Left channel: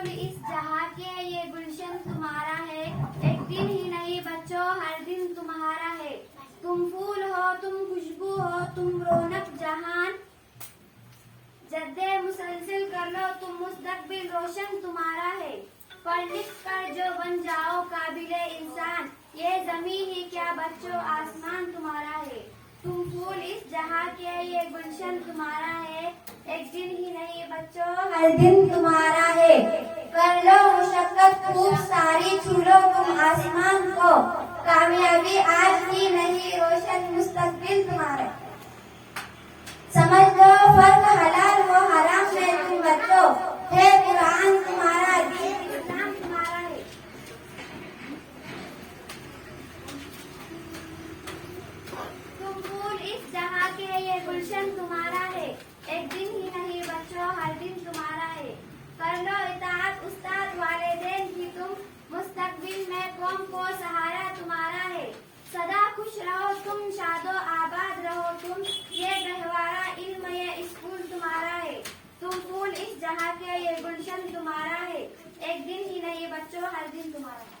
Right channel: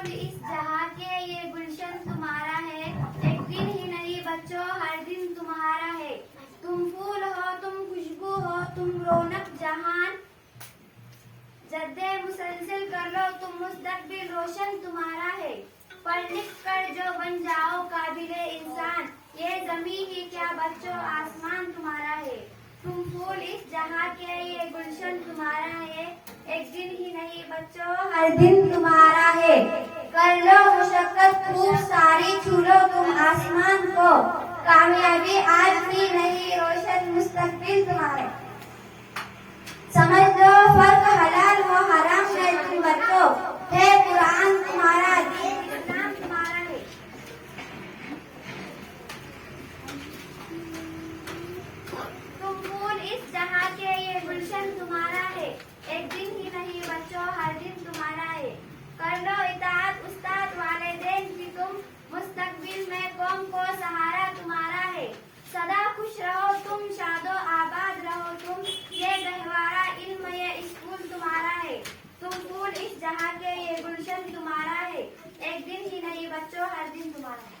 फूल इस जहां के ये गुलशन तुम्हारा है, एक दिन ही नहीं बच्चों हर दिन तुम्हारा है। तुम फूल हो, तुम खुशबू हो, तुम रौनक जहान, जद्दे मुसलसल कर लो तुम मुस्तकबिल रोशन तुम्हारा है। पढ़ लिख कर जो बन जाओ काबिले इंसान, ये जमी ही क्या बच्चों आसमान तुम्हारा है। तुम फूल इस जहां के ये गुलशन तुम्हारा है, एक दिन ही नहीं बच्चों हर दिन तुम्हारा है। कर लो मुशक्कत खूब सारी, छू लो तुम आसमान को, कामयाबी आज ही नहीं रोशन मुस्तकबिल तुम्हारा। समझ लो फर्क हलाल व हराम में तुम बच्चों, है कुरान तुम्हारा, दीन इस्लाम तुम्हारा है। तुम फूल इस जहां के ये गुलशन तुम्हारा है, एक दिन ही नहीं बच्चों हर दिन तुम्हारा है। कर लो इताअत उस्ताद वालिदैन की तुम, मुस्तकबिल में कौम को सहारा तुम्हारा है। सदा खुश रहो तुम, शादो आबाद रहो तुम, ये गहवारा इल्म ये स्कूल तुम्हारा है। तुम फूल इस जहां के ये गुलशन तुम्हारा है, एक दिन ही नहीं बच्चों हर दिन तुम्हारा है।